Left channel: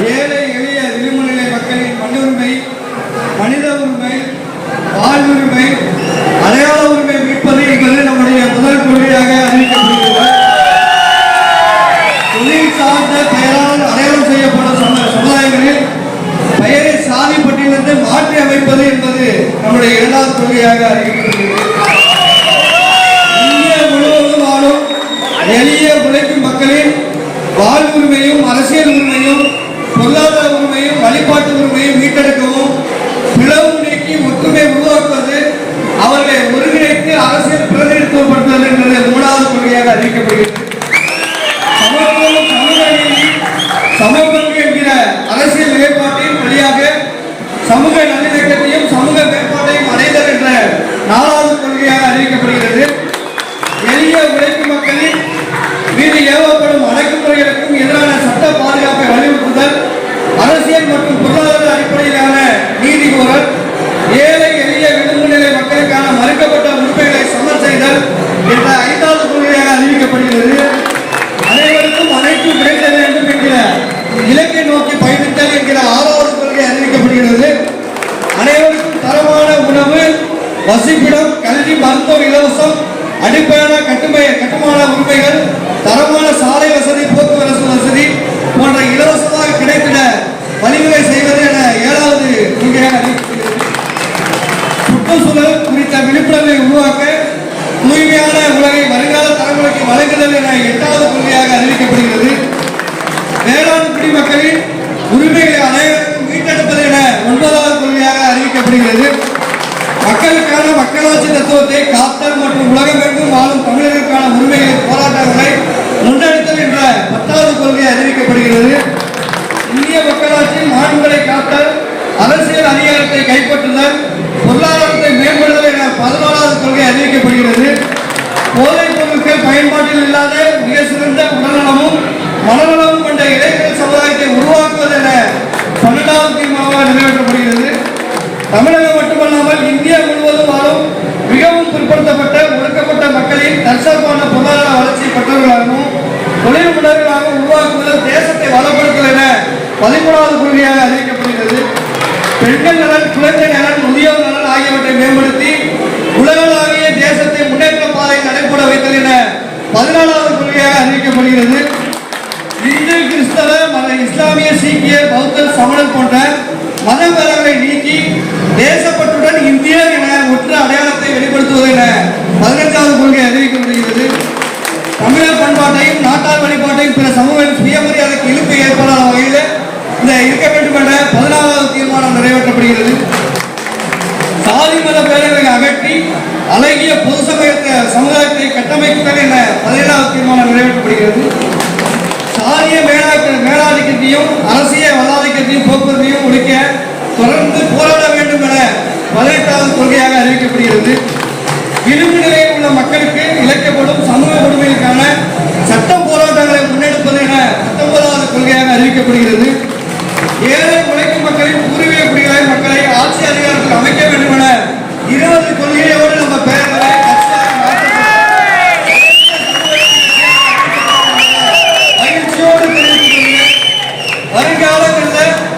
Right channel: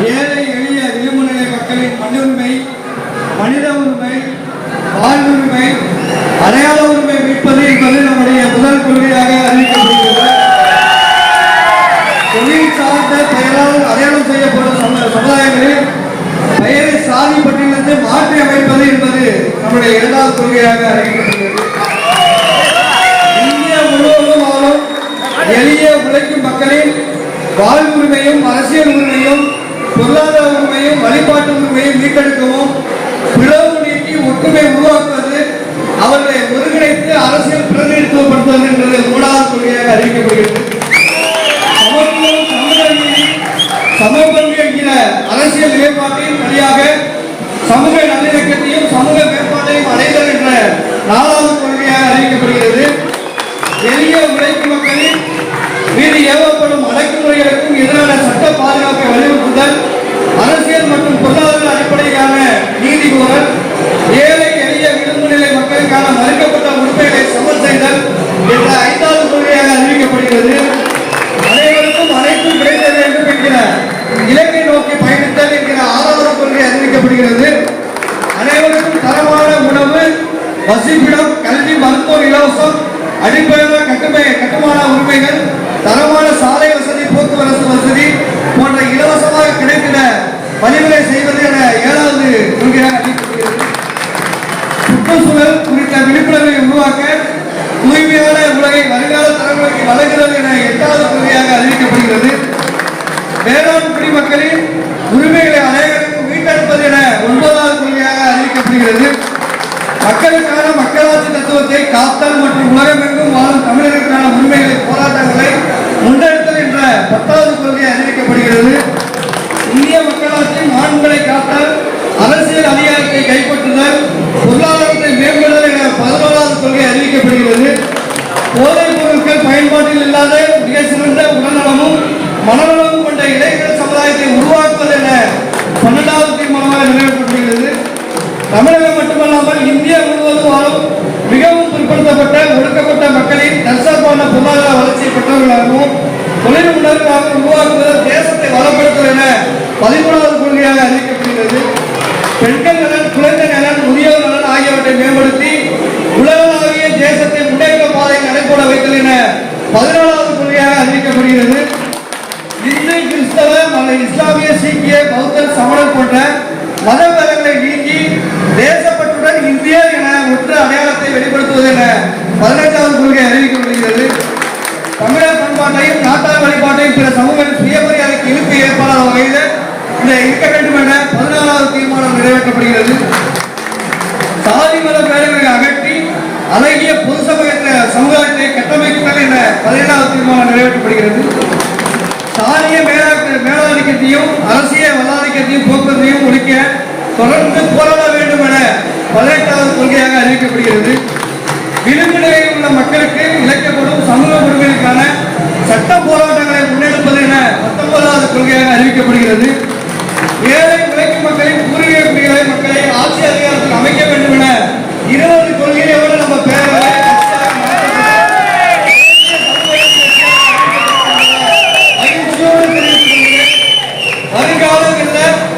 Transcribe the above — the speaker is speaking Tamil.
ஏழை எளிய விளிம்புநிலை மக்களின் மண்ணுரிமை மனித உரிமை வாழ்வுரிமை அடையாள உரிமை மீட்பது என்பது நம்முடைய முதல் கொள்கையாக அறிவிக்கப்படுகிறது. தொழில் சார்ந்த பெயரால் அடையாளம் செய்யப்படும் சமுதாயங்களில் பெயரை சாதி பட்டியலிருந்து மாற்றி அமைப்பது என்பது நம்முடைய இரண்டாவது கொள்கையாக அறிவிக்கப்படுகிறது. இந்தியா முழுவதும் ஆளும் எளிய உழைக்கும் மக்களின் வாழ்வுரிமையும் அரசியல் உரிமையும் பொருளாதார உரிமையும் வழிபாட்டு உரிமையும் மீட்டெடுக்கவும் மருத்துவத்தை காத்தல் மற்றும் உலகமெங்கும் வாழும் தமிழருக்கான உரிமைகளின் போராட்டங்களை முன்னெடுத்தல் என்ற பத்தாவது கொள்கை அறிவிக்கப்படுகிறது. இந்திய மக்களாட்சியின் ஆண்களை காத்தல் அரசியல் அதிகாரத்தை கைப்பற்றுதல் பொருளாதாரத்தை மேம்படுதல் என பதினோராவது கொள்கை அறிவிக்கப்படுகிறது. போதை வல்லாதிக்கிறதையும் அரசியல் வல்லாதிக்கிறதையும் போக்குவரத்தையும் ஒழிக்க தொடர்ந்து போராட வேண்டும் என பதினெட்டாவது கொள்கையாக அறிவிக்கப்படுகிறது. விளிம்பு உள்ள மக்களுக்கு Amen.